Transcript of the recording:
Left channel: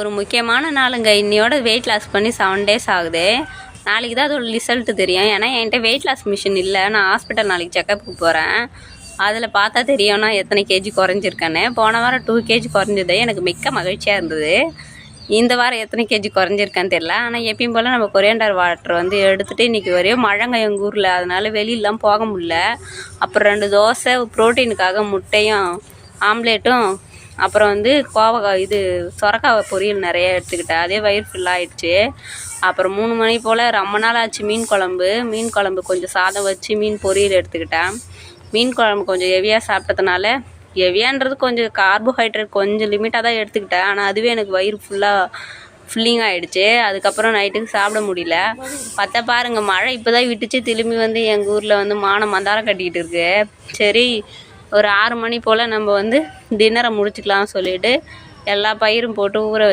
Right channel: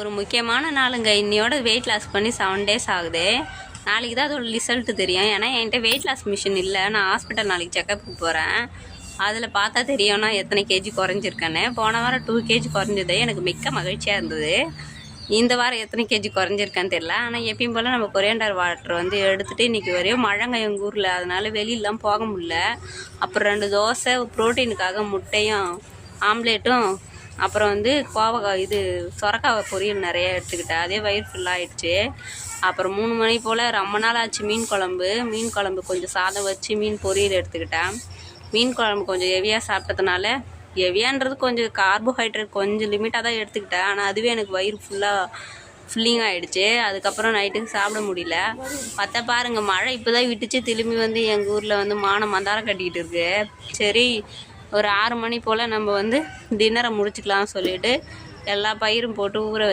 ஒரு முக்கியமான நாளுங்க. இன்னையோட வெயிட் லாஸ் பண்ணி 7 days ஆகுது. நாளைக்கு தான் அதோட ரிசல்ட்டு தெரியும். ஏன்னா என்கிட்ட வெயிட் லாஸ் மிஷின் இல்லை. நான் ஹாஸ்பிட்டல் நாளைக்கு செக்கப்புக்கு போகிறேன். அதில் பார்த்தா தெரியும்னா எத்தனை கேஜி குறைஞ்சிருக்கேன்னு. போன வாரம் 2 kg குறைஞ்சது எனக்கு மிக்க மகிழ்ச்சியாக இருந்தது. இந்த வாரம் எத்தனை கேஜி குறைஞ்சிருக்கான்னு தெரியல. ஆனால் எப்பயும் போல் நம்ம கொரியண்டர் வாட்டர் வந்து எடுத்துகிட்டு இன்றைக்கி வரையும் மழைங்க எங்கள் ஊரில், அதனால வெளியிலாம் போக முடியல. அப்புறம் 2 தோசை, ப்ரோட்டீனுக்காக முட்டையும் ஆம்லேட்டும், அப்புறம் வந்து கோவக்காய் சொரக்காய் பொரியல் நிறைய எடுத்துக்கிட்டேன். அதே வயிறு ஃபுல்லாகிடுச்சு. அப்புறம் 3 மணி போல் ரொம்ப நாள் ஆச்சு மீன் குழம்பு கொஞ்சம் சாதம் வச்சு மீன் பொரியல் எடுத்துக்கிட்டேன். மீன் குழம்பு கொஞ்சம் ஹெவியாக சாப்பிட்டதுனால, ஹெவியான்றது கொஞ்சம் கார்போஹைட்ரேட் கொஞ்சம் லிமிட்டாக தான் எடுத்துக்கிட்டேன். ஆனால் அதுவே எனக்கு வயிறு ஃபில்லிங் ஆகிடுச்சு. அதுக்கப்புறம் நைட்டுக்கு சாப்பிட முடியல. பார்த்தா பாருங்கள், மழை இப்போ தான் விட்டுச்சு. திரும்பி வந்து எங்கள் ஊரில் வந்து மந்தாரம் கட்டிக்கிட்டு இருக்கு. சரி, ஒரு 6 மணி போல் நம்ம வந்து டின்னரை முடிச்சுக்கலாம்னு சொல்லிட்டு எல்லா பயிரும் போட்டு ஊற